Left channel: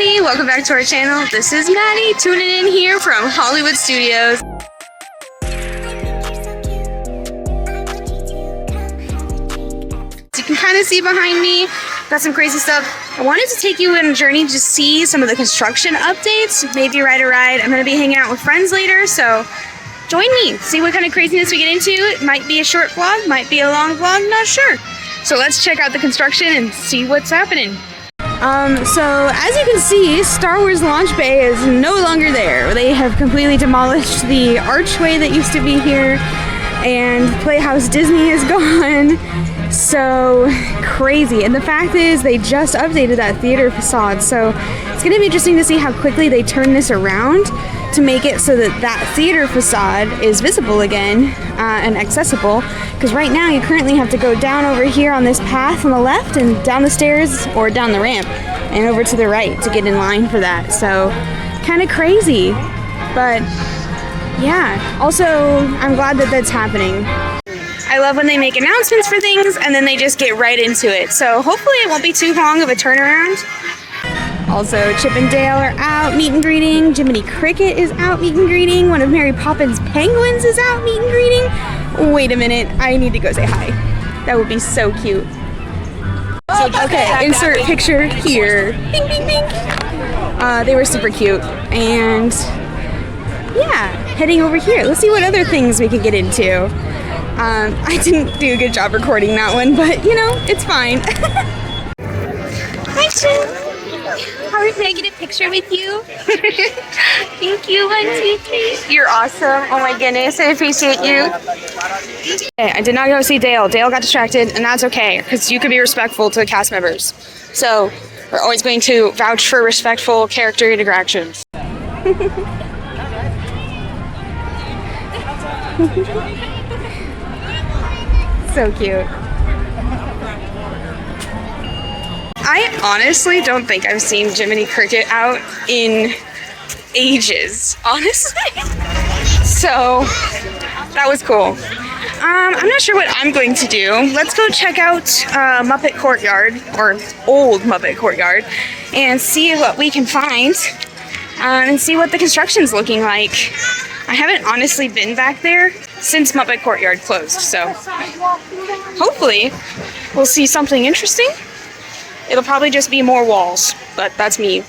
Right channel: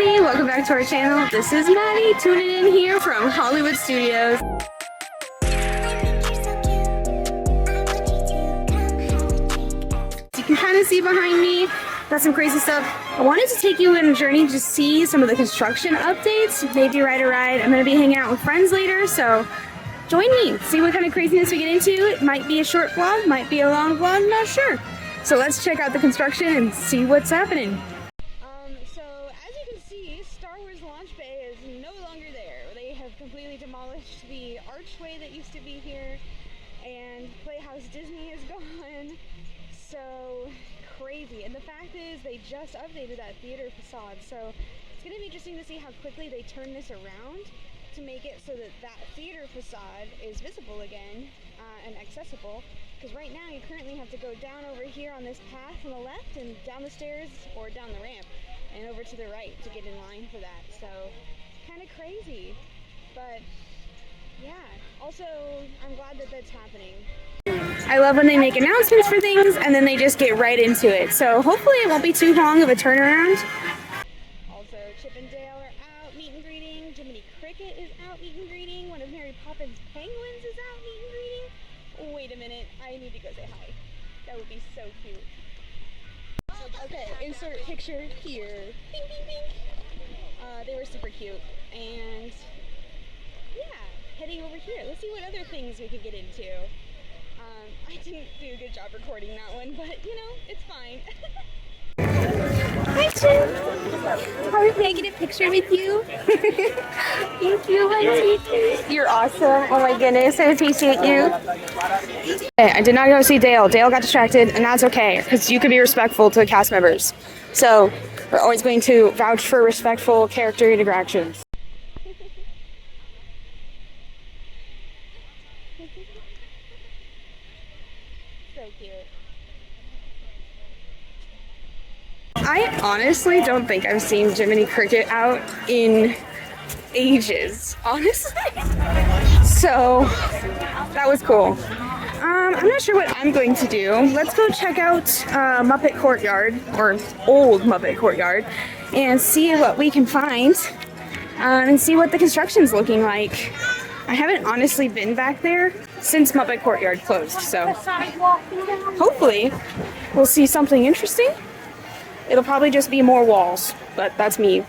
everybody, welcome back to our channel. This is Maddie tuning in here from Hollywood Studios. You can kind of see behind me, got some crazy stuff. I wanted to take you on a journey to see some of the construction updates, maybe ride a ride. I'm going to be hanging out with friends later, so join me, see what kind of craziness we get into. It might be a short vlog, might be a long vlog, not sure. So let's check out the construction and see what's happening. So as you can see, Star Wars Launch Bay is no longer there. They have completely demolished the archway that used to be here, and Playhouse Disney is gone. So crazy. And the fact is, they just updated that theater facade, so it's going to be interesting to see how quickly they turn this around to make it so that that theater facade is visible again and accessible. Because right now you currently have to go down over here on this path on the left and down the stairs or down the ramp and over to the right to get in line for that. So kind of crazy, but yeah. Also, I'm glad that that's happening. I love when they make announcements for things and then they just get right into it. So hopefully it won't be too long of a turnaround. Also, Chip and Dale are out meet and greeting. Jiminy Cricket is out meet and greeting. One of Mary Poppins Penguins is out meet and greeting. Wait a minute, I need to go say hi. That would be so cute. Okay, insert picture here. Bing, bing, bing. They were super cute. And yeah, heading over here. Let's see what other things we can get into. I didn't do a good job recording that one, but you know, it's fine. Hi, Chip. How are I get a picture with you? Thank you, 1, 2, 3. You're awesome. Oh my goodness, I appreciate you. Okay, I did not go see Dale. Dale got distracted, and that's okay, because you can be respectful to the cast members. So we're always going to vouch for respectful character interactions. So cute. I honestly don't think I've seen Jiminy Cricket out in ages, honestly. So that was cool. I'm not sure what I'm going to do. Let's go check out Muppet Courtyard, or old Muppet Courtyard, and see what we can find and see what the construction's looking like. I haven't honestly been back there since Muppet Courtyard closed, so hopefully we'll see something interesting. It'll probably just be more walls, but that's me.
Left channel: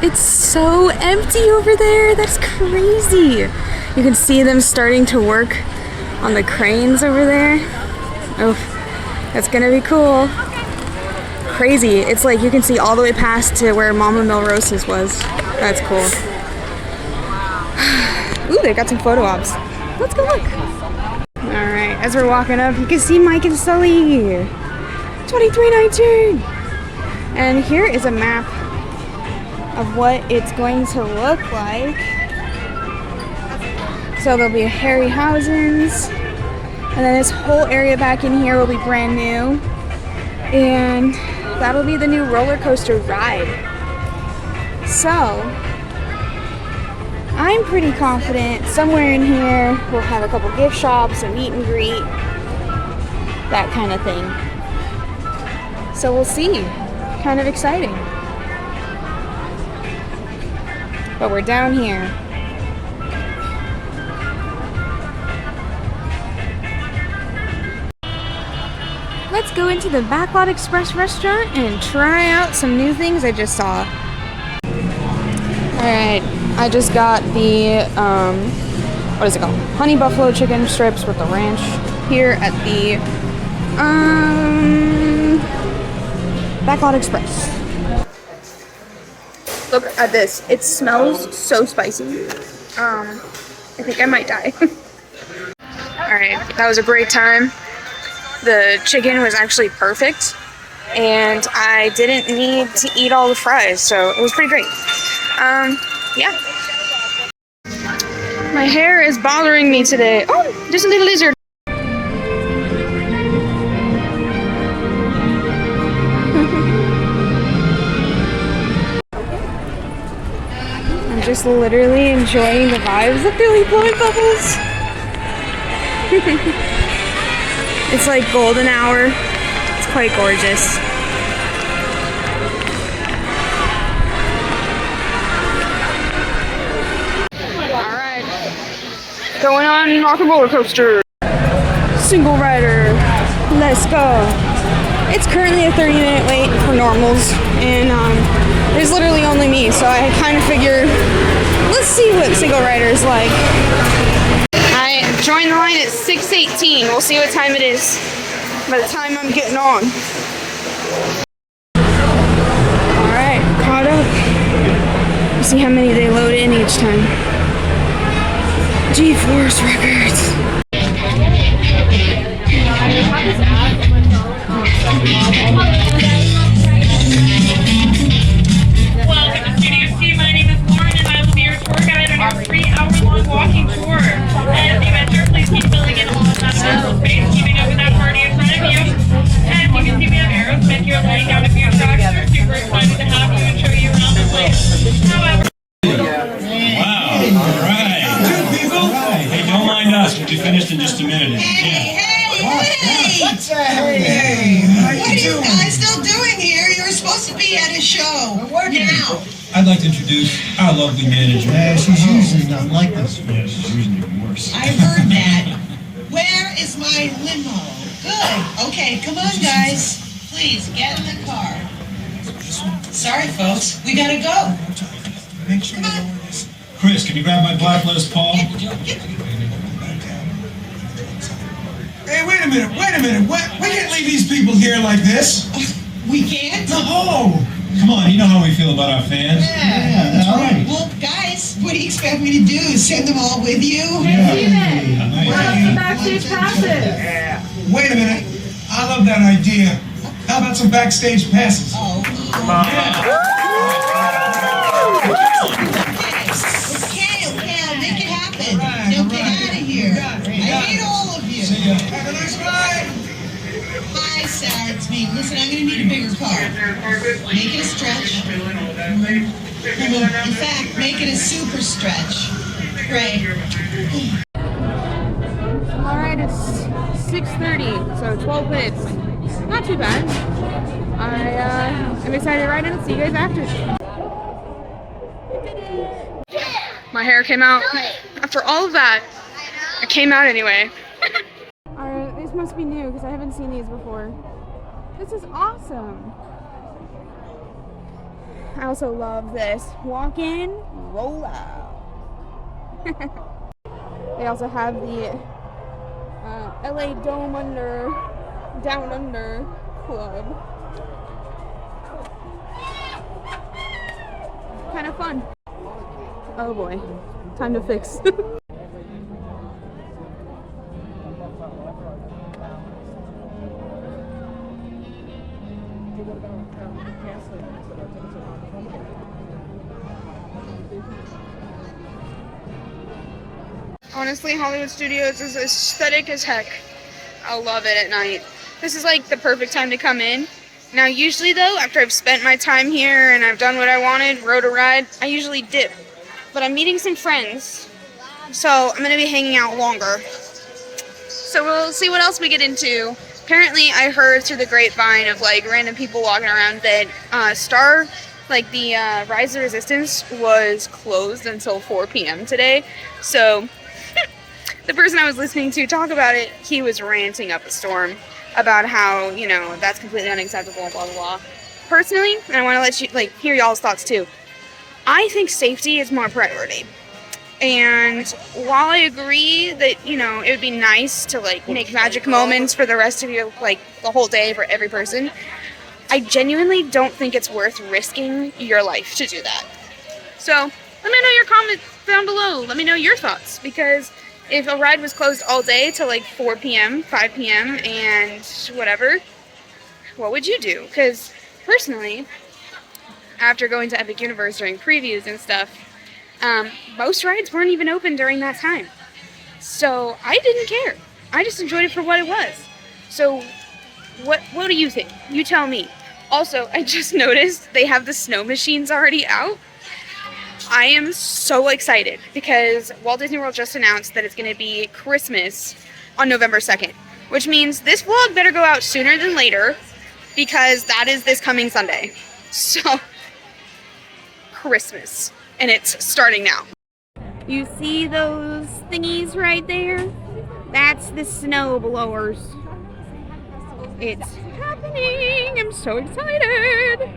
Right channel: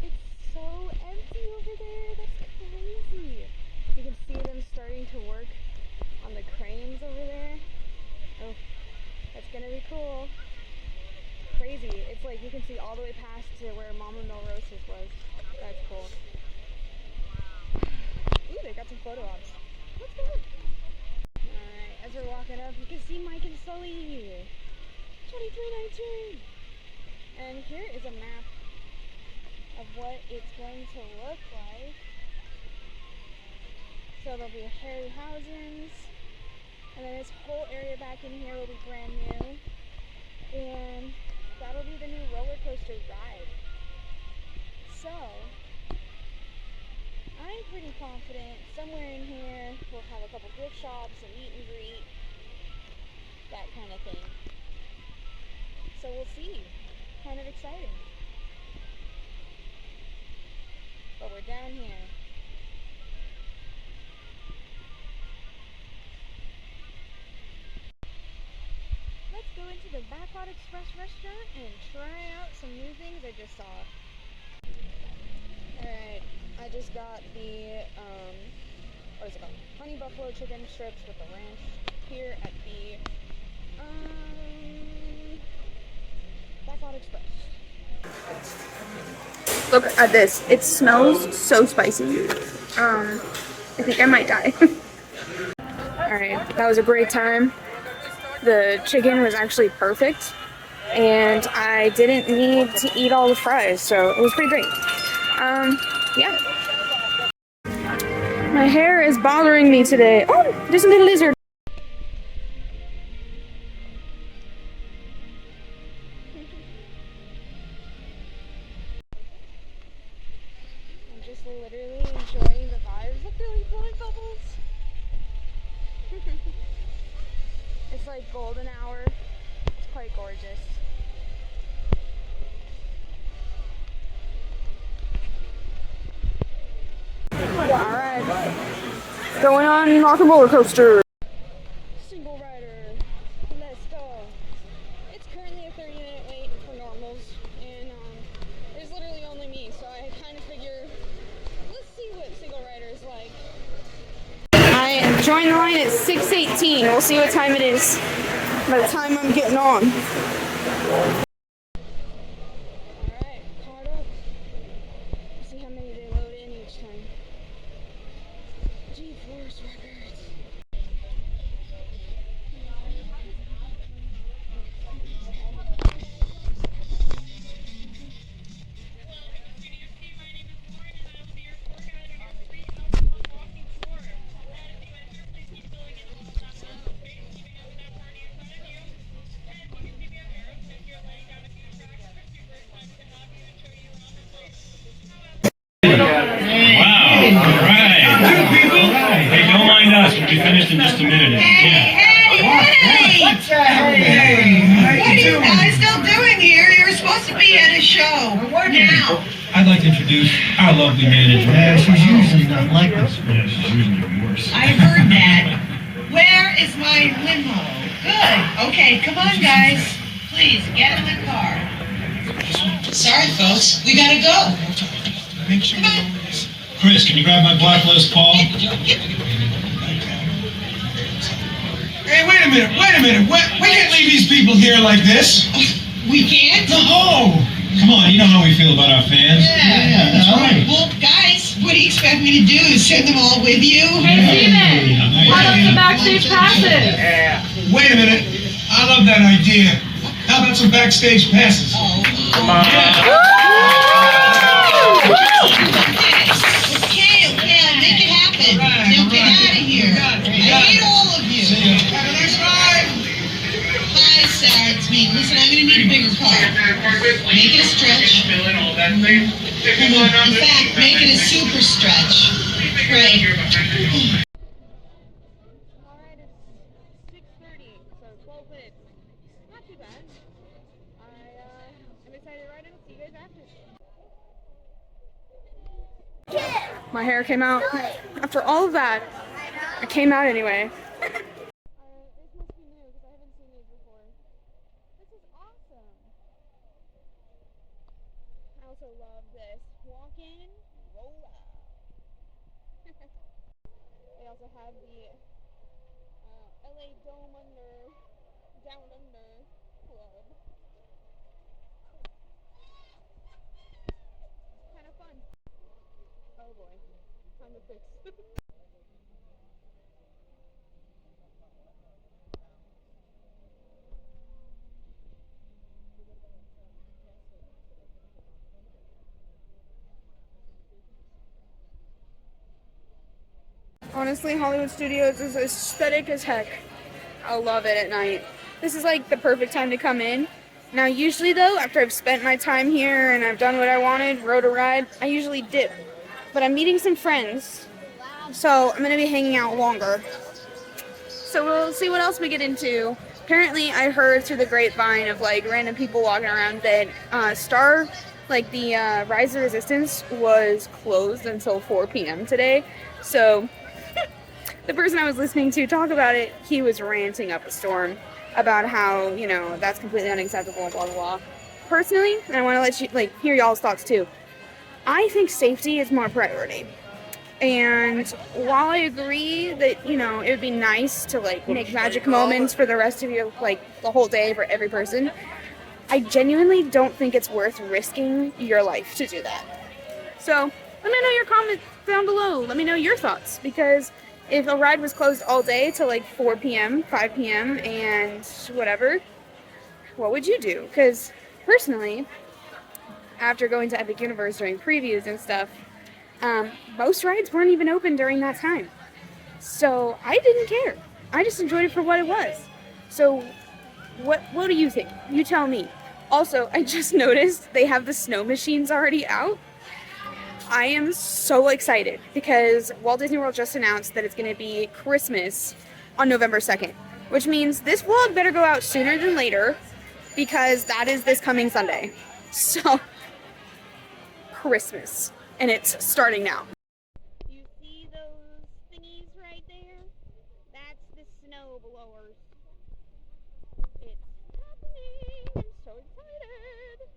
It's so empty over there. That's crazy. You can see them starting to work on the cranes over there. Oh, that's gonna be cool. Crazy. It's like you can see all the way past to where Mama Melrose's was. That's cool. Ooh, they got some photo ops. Let's go look. All right, as we're walking up, you can see Mike and Sully. 2319. And here is a map of what it's going to look like. So there'll be Harryhausen's, and then this whole area back in here will be brand new, and that'll be the new roller coaster ride. So I'm pretty confident somewhere in here we'll have a couple gift shops, a meet and greet, that kind of thing. So we'll see. Kind of exciting. But we're down here. Let's go into the Backlot Express restaurant and try out some new things I just saw. Alright, I just got the, what is it called? Honey buffalo chicken strips with the ranch here at the, Backlot Express. Look at this. It smells so spicy. I think I might die. Alright, that was a great time. The chicken was actually perfect, and I didn't need to eat all the fries, so it was pretty great. Yeah. My hair is bothering me today. Oh, there's a little lizard. Just literally enjoying the vibes of Billy blowing bubbles. It's like golden hour. It's quite gorgeous. Going on rock and roller coaster. Single rider. Let's go. It's currently a 30-minute wait for normals, and there's literally only me, so I kind of figured, let's see what single rider is like. I joined the line at 6:18. We'll see what time it is by the time I'm getting on. Alright, caught up. Let's see how many they load in each time. G-Force Records. Welcome to Studio C. My name is Lauren, and I will be your tour guide on our 3-hour-long walking tour. As you enter, please keep filling in all of that mental space, keeping up with that party in front of you. As you can see, we have arrows meant you're laying down a few tracks. We're super excited to have you and show you around the place. However, wow, all right. Hey, don't mind us. We'll be finished in just a minute. Hey! What are you guys still doing here? You're supposed to be at a show. Now. I'd like to introduce our lovely manager. Yeah, she's usually not like this. Yeah, she's usually even worse. I heard that. Where is my limo? Good. Okay, come on, guys. Please, get in the car. Sorry, folks. We gotta go. Come on. Chris, can you grab my black Les Paul? Hey, wait a minute. We can't leave these people here like this. We can't? No! Come on, you know how we feel about our fans. Yeah, that's right. Well, guys, what do you expect me to do? Send them all with you? Hey, Steven, Yeah. how about some backstage passes? Wait a minute. I love that idea. How about some backstage passes? Oh. Come on. Okay, I'll make it happen. Now get out of here. I hate all of you. See ya. Have a nice ride. Hi, Sarah, it's me. Listen, I'm gonna need a bigger car. Make it a stretch. In fact, make it a super stretch. Right. Alright, it's 6:30, so 12 minutes. Not too bad. I'm excited to ride in and see you guys after. My hair came out. After all of that, it came out anyway. Alright, these must be new because I haven't seen these before. This is awesome. I also love this. Walk in, roll out. They also have the LA Down Under Club. Kind of fun. Oh boy, time to fix. Honestly, Hollywood Studios is aesthetic as heck. I love it at night. This is like the perfect time to come in. Now usually though, after I've spent my time here and I've done what I wanted, rode a ride, I usually dip. But I'm meeting some friends, so I'm going to be hanging out longer. So we'll see what else we get into. Apparently I heard through the grapevine of like random people walking around that Star, like the Rise of Resistance, was closed until 4 p.m. today. So the person I was listening to talk about it, he was ranting up a storm about how, you know, that's completely unacceptable, blah, blah, blah. Personally, and I want to let you, like, hear y'all's thoughts too. I think safety is more priority. And while I agree that, you know, it would be nice to, like, make magic moments for the rest of your, like, the whole day for every person, I genuinely don't think it's worth risking your life to do that. So, let me know your comments down below. Let me know your thoughts, because if a ride was closed all day till like 4 p.m., 5 p.m., and whatever, what would you do? Because personally, after going to Epic Universe during previews and stuff, most rides weren't even open during that time. So I didn't care. I just enjoyed it for what it was. So what do you think? You tell me. Also, I just noticed they have the snow machines already out. I am so excited because Walt Disney World just announced that it's going to be Christmas on November 2nd, which means this vlog better go out sooner than later because that is this coming Sunday. So, Christmas. And it's starting now. You see those thingies right there? That's the snow blowers. It's happening! I'm so excited!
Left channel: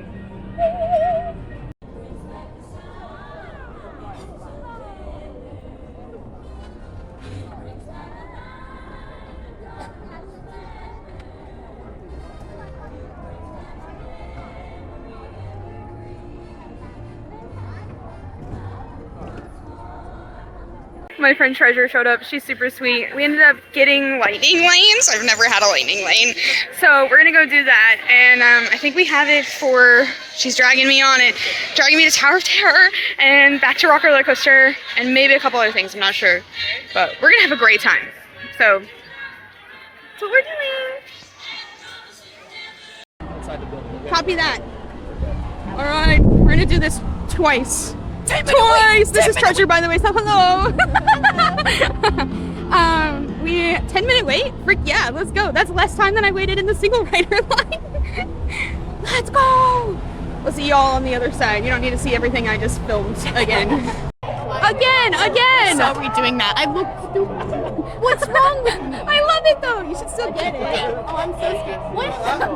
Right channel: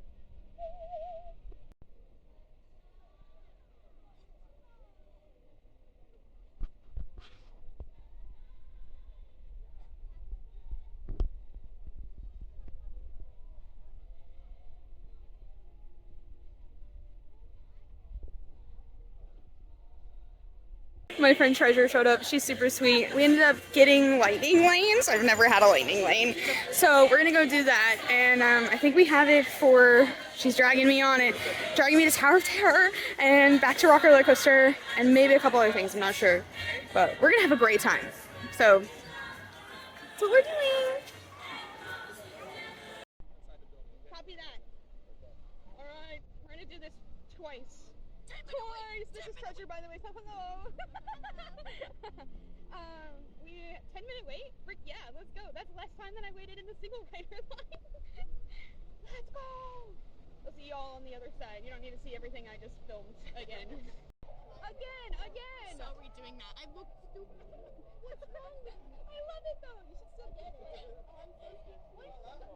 My friend Treasure showed up. She's super sweet. We ended up getting lightning lanes. I've never had a lightning lane. So we're gonna go do that. And I think we have it for, she's dragging me on it, dragging me to Tower of Terror and back to Rock Roller Coaster and maybe a couple other things, I'm not sure. But we're gonna have a great time. So that's what we're doing. Copy that. All right, we're gonna do this twice. Twice! This is Treasure, by the way, so hello! 10-minute wait? Frick yeah, let's go. That's less time than I waited in the single rider line. Let's go! We'll see y'all on the other side. You don't need to see everything I just filmed again. Again! So redoing that. I look stupid. What's wrong with me? I love it though! You should still get it. Oh, I'm so scared. What?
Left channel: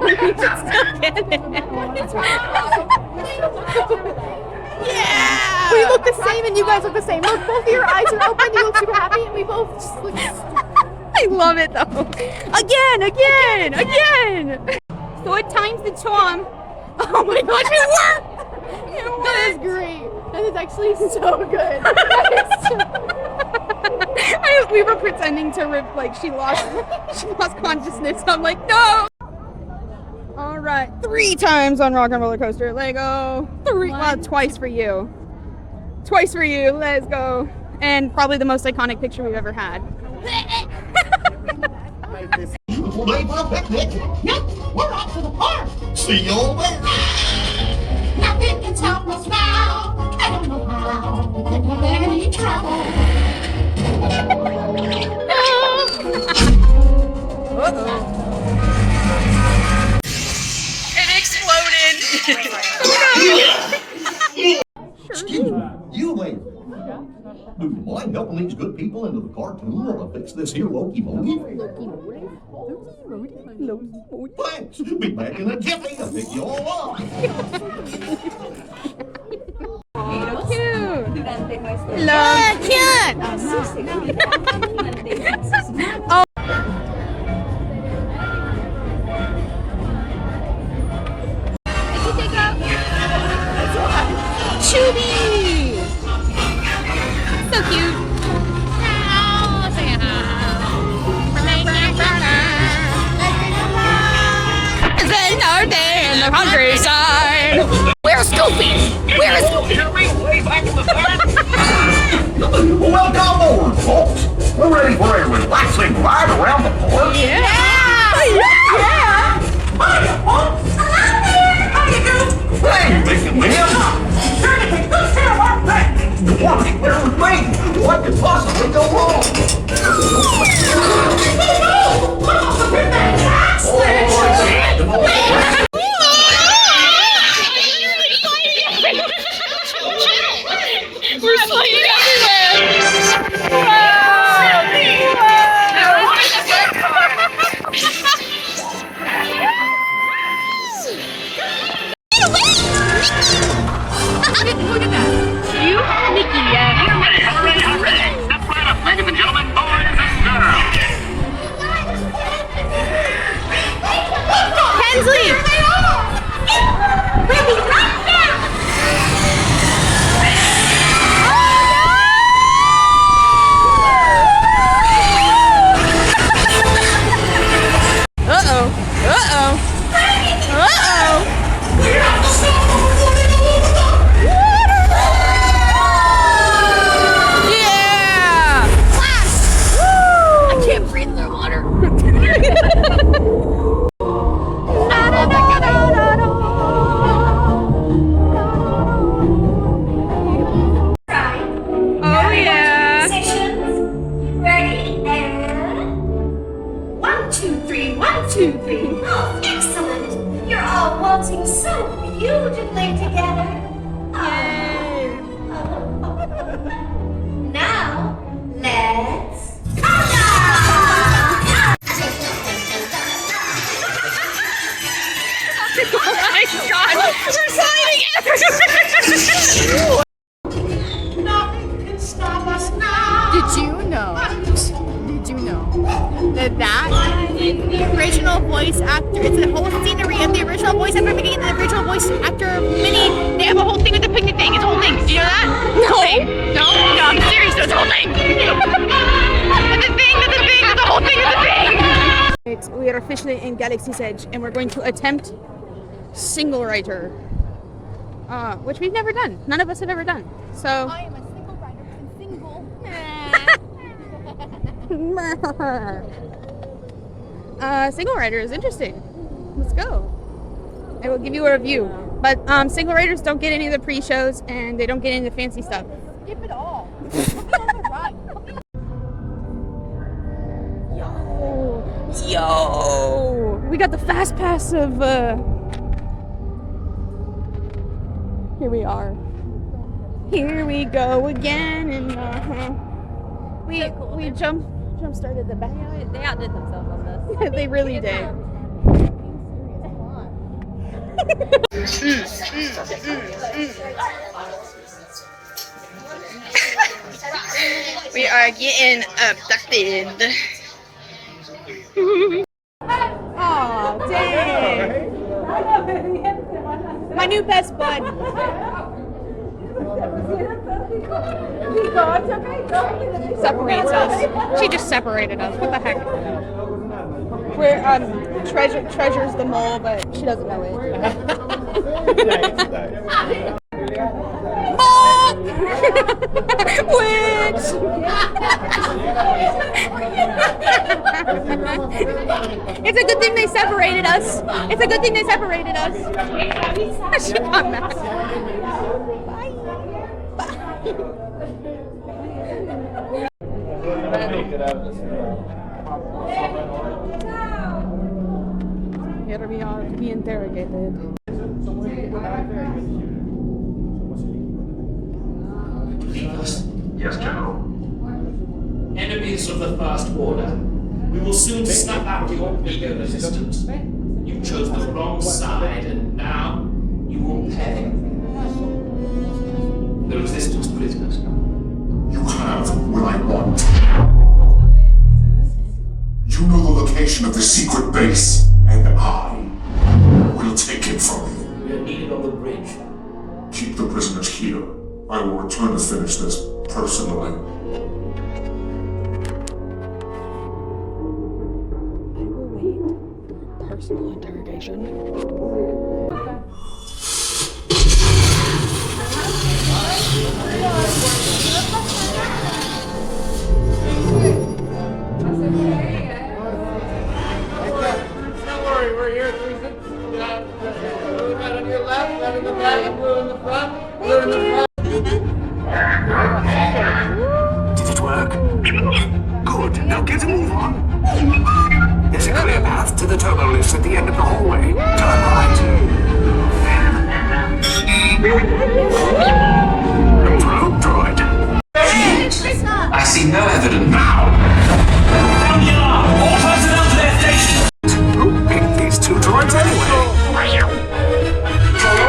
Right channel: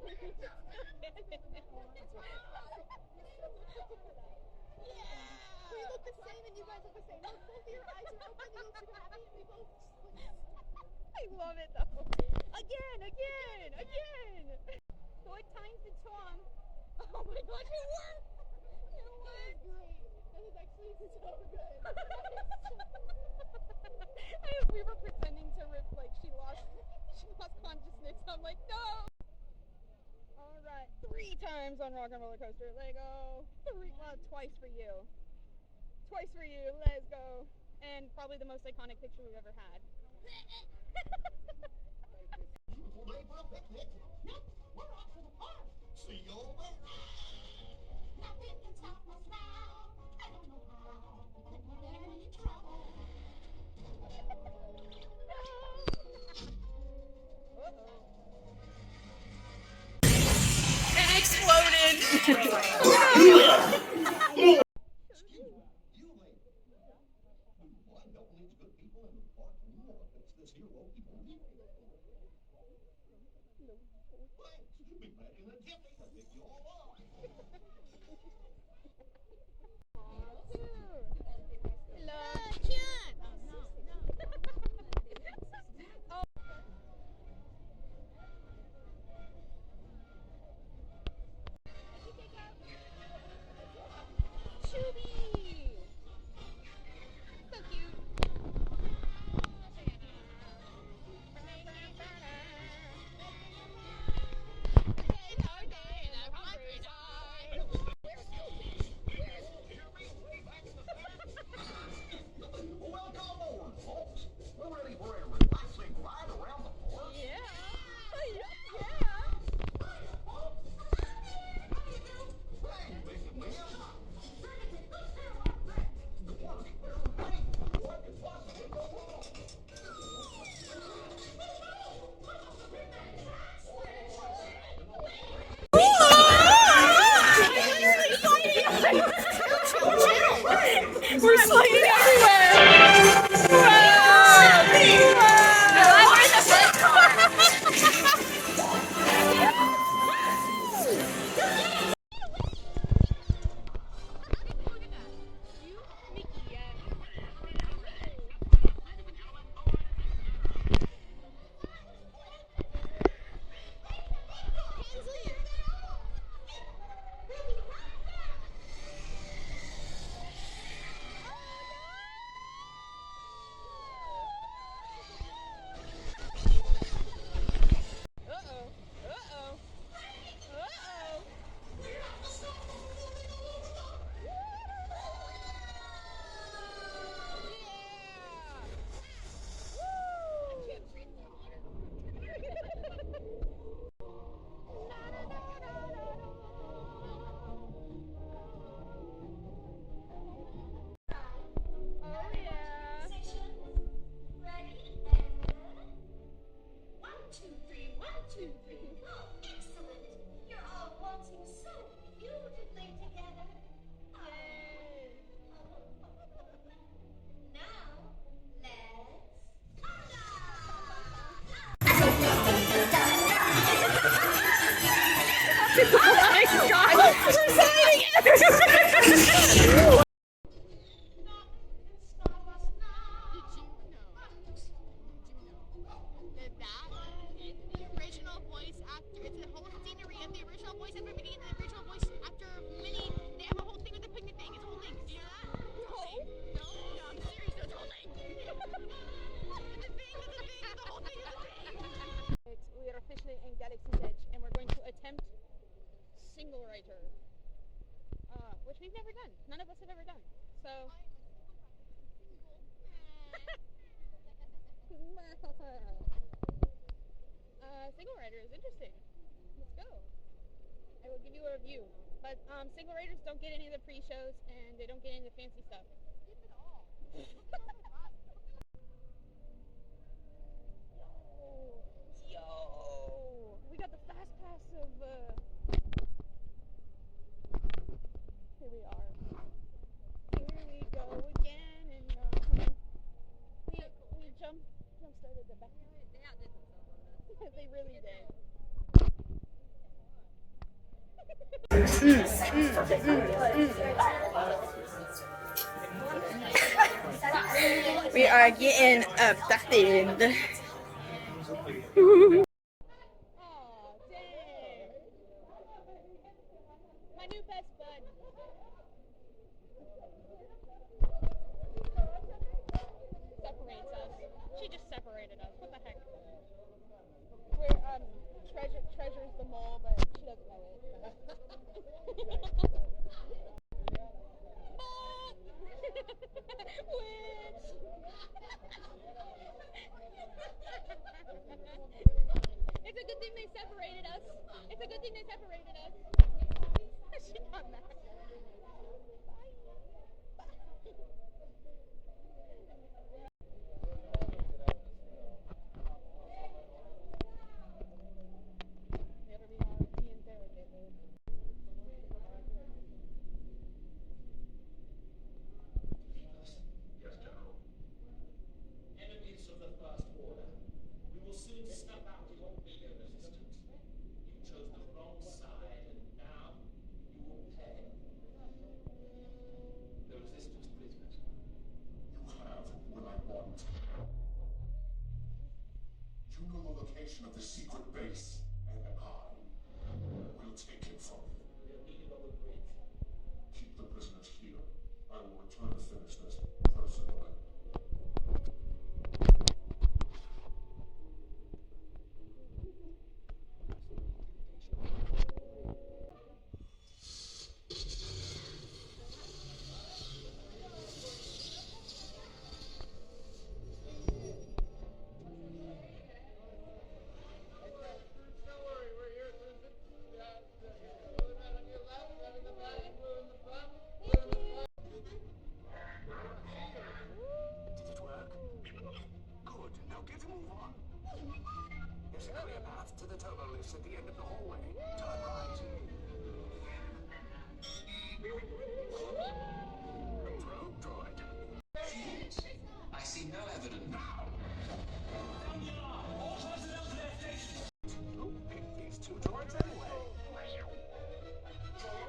You should still get it. What is wrong? Yeah! We look the same and you guys look the same. Look, both of your eyes are open, you look super happy, and we both just look I love it though. Again! So what time's the charm? Oh my gosh, it worked! That is great. That is actually so good. We were pretending to rip, like she lost consciousness. I'm like, no! All right, 3 times on Rock and Roller Coaster. Lego. Twice for you. Twice for you. Let's go. And probably the most iconic picture we've ever had. Day for a picnic. Yep, we're off to the park. See you all there. Nothing can stop us now. I don't know how. We couldn't have any trouble. It exploded. Excuse me, you lady. Do you mind helping these good people into the cartoon while I fix this here locomotive? Thanks. Be back in a jiffy to pick you all up. Cute. Love cute. Oh. Chubby. So cute. Then our day in the countryside. Where's Goofy? Where is Goofy? Welcome aboard, folks. We're ready for a relaxing ride around the park. Yeah. Hiya, folks. Hey, Mickey Man. You want to share with me? What could possibly go wrong? We're sliding everywhere. Look at that. You, Mickey, Hooray. Step right up, ladies and gentlemen, boys and girls. Hensley. Nothing can stop us now. Did you know that the original voice actor, it's the whole scenery of the original voice actor Minnie and the original voice actor of Minnie, they have a whole thing with the picnic thing. It's a whole thing. Did you know that? No. No, I'm serious. It's a whole thing. That's a thing. That's a whole thing. It's a thing. We are officially in Galaxy's Edge, and we're going to attempt single rider, which we've never done. None of us have ever done. So. I am a single rider and single. Single rider is interesting. Let's go. I will give you a review. But single riders don't get any of the pre-shows, and they don't get any of the fancy stuff. Skip it all. Yo! We got the fast pass of. Here we are. Here we go again, and we jump started the back. They outdid themselves on this. They really did. We are getting abducted. Aw, dang. My new best bud. Separates us. She just separated us. What the heck? We're treasures the mole, but she doesn't know it. Mole! Witch! It's a good thing they separated us. It's a good thing they separated us. She got mad. Bye. Bye. Here we are to be interrogated. Yes, General. Enemies of the First Order, we will soon snuff out your ego resistance. You chose the wrong side, and now you will pay. The resistance prisoners. You have what I want. You know the location of the secret base, and I will take it from you. We are needed on the bridge. Keep the prisoners here. I will return to finish this personally. I will wait for personal interrogation. Don't worry, we're here. Blue right on your left, red in the back, blue in the front, blue in the front. Did it work? Good. Now get a move on. There's a clear path to the turbo lifts at the end of the hallway. Turn right. Probe droid. I see no evidence. Now. Down the alarm! All personnel to their stations! Who picked these two droids anyway?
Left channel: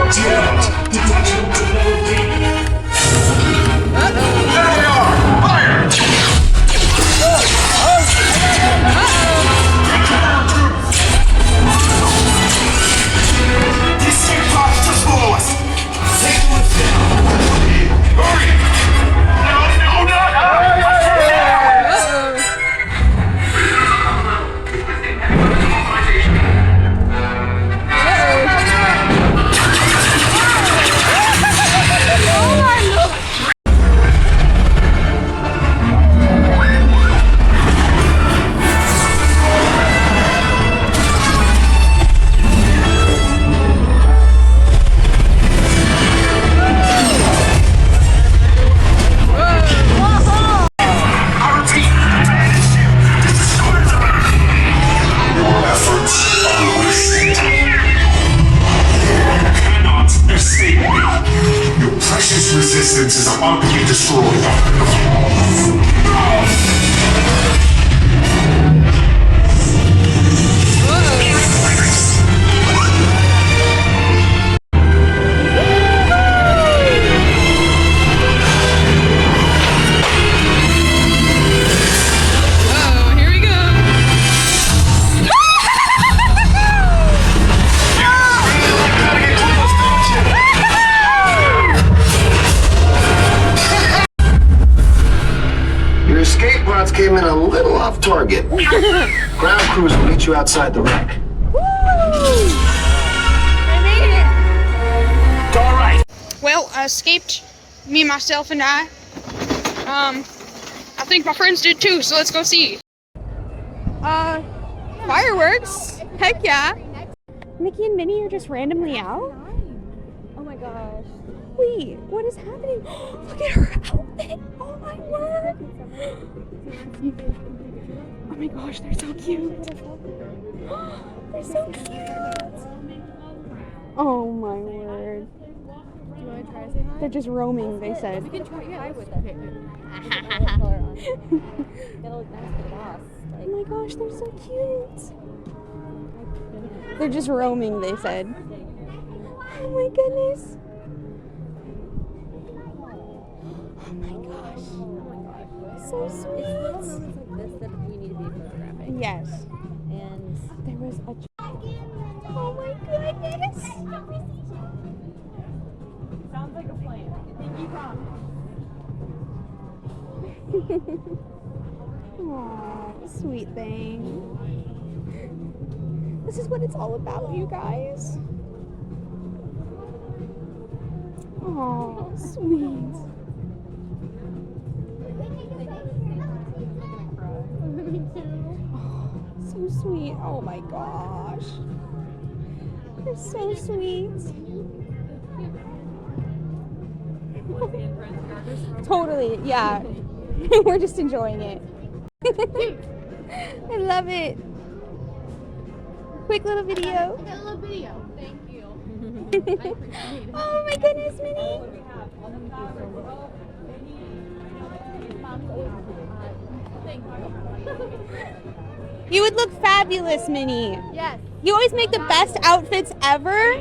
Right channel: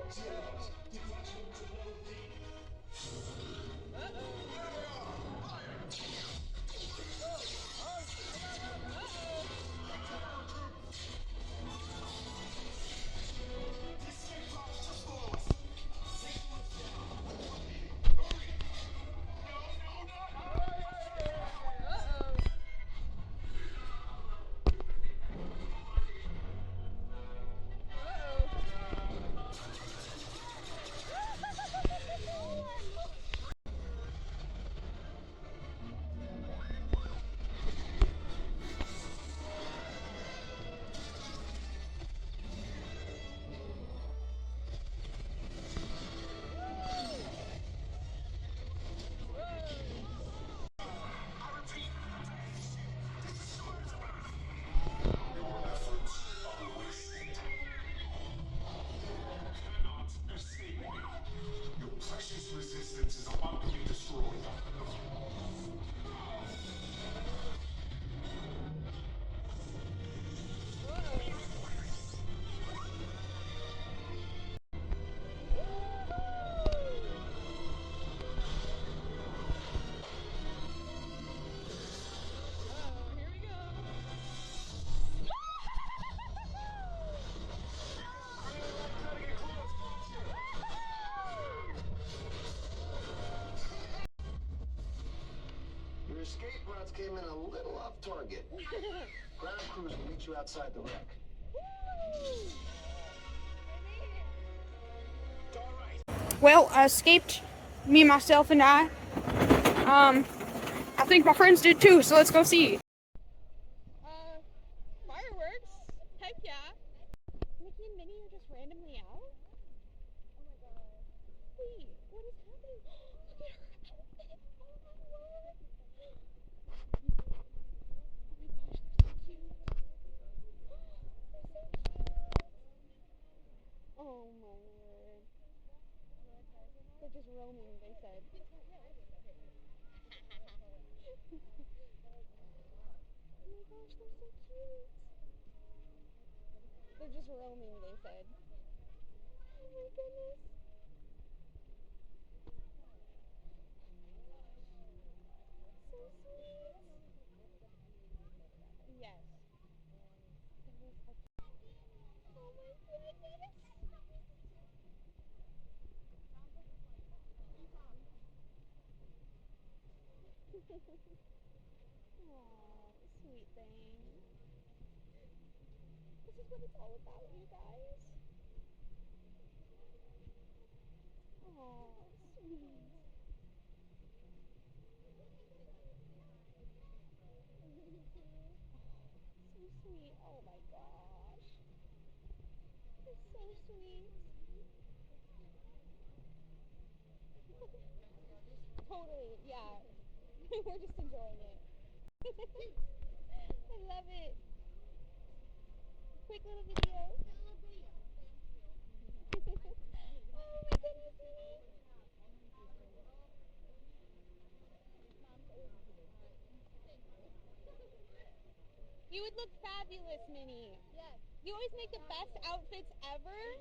Detection to level D. There they are! Fire! These six bots just below us! Take the lift down! Hurry! No! Resistance is about to be destroyed. came in a little off target. Ground crews will meet you outside the wreck. It's all right. Well, I escaped. Me, myself, and I. I think my friends did too, so let's go see. Fireworks? Heck yeah. Mickey and Minnie are just randomly out? Oh my gosh. Wait, what is happening? Look at her outfit! Oh my word! Oh my gosh, they're so cute. They're so cute. Oh my word. They're just roaming, they said. We can try with it. Oh my gosh, they're so cute. They're just roaming, they said. Oh my goodness. Oh my gosh. So sweet. It's little moments like this that you need to be photographing. Yes. And There was a... Oh my goodness. Sounds like a plan. Pinky promise. Aw, sweet thing. This is what it's all about, you guys. Oh, sweet. Oh, so sweet. Oh my gosh. You're so sweet. Totally, yeah. We're just enjoying it. I love it. Quick little video. A little video. Thank you. Oh my goodness, Minnie. You would look fabulous, Minnie. Yes. You always make the best outfits ever.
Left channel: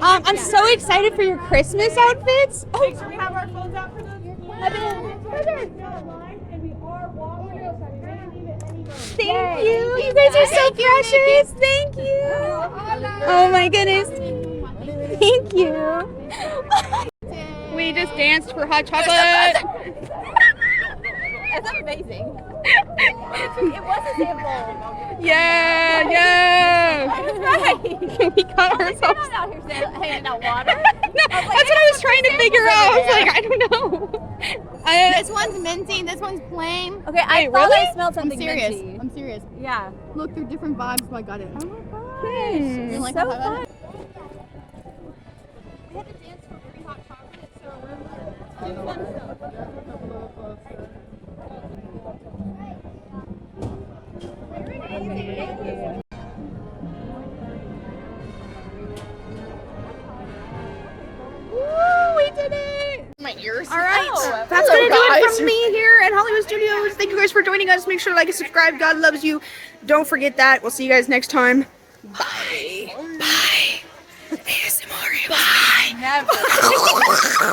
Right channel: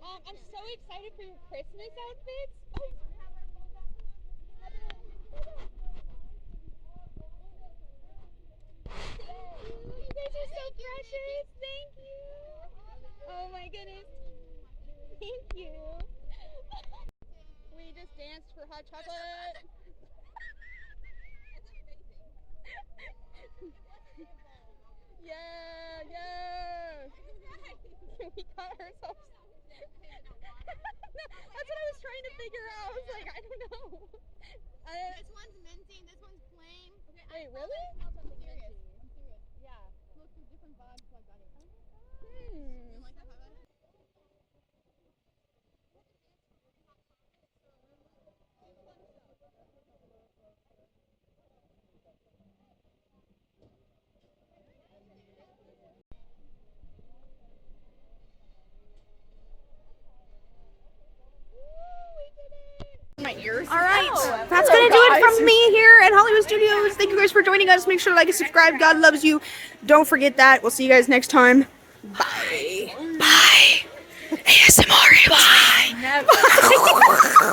I'm so excited for your Christmas outfits. Oh, Make sure we have our phones out for those. Thank you. You guys are so precious. Thank you. Oh my goodness. Thank you. We just danced for hot chocolate. that's amazing. It was a sample. Yeah, yeah. Right. We got ourselves. I'm not out here handing out water. No, that's what I was trying to figure out. I was like, I don't know. This one's minty, this one's plain. Okay, I Wait, thought really? I smelled something I'm serious. minty. I'm serious. Yeah. Look, they're different vibes, so I got it. Oh my gosh. You like So how I got fun. it? I had to dance for free hot chocolate, so Woo, we did it! My ears. All right, that's gonna do it from me here at Hollywood Studios. Thank you guys for joining us. Make sure to like and subscribe. God loves you. Don't forget that. We'll see you guys next time. Bye. Bye. ASMR. Bye.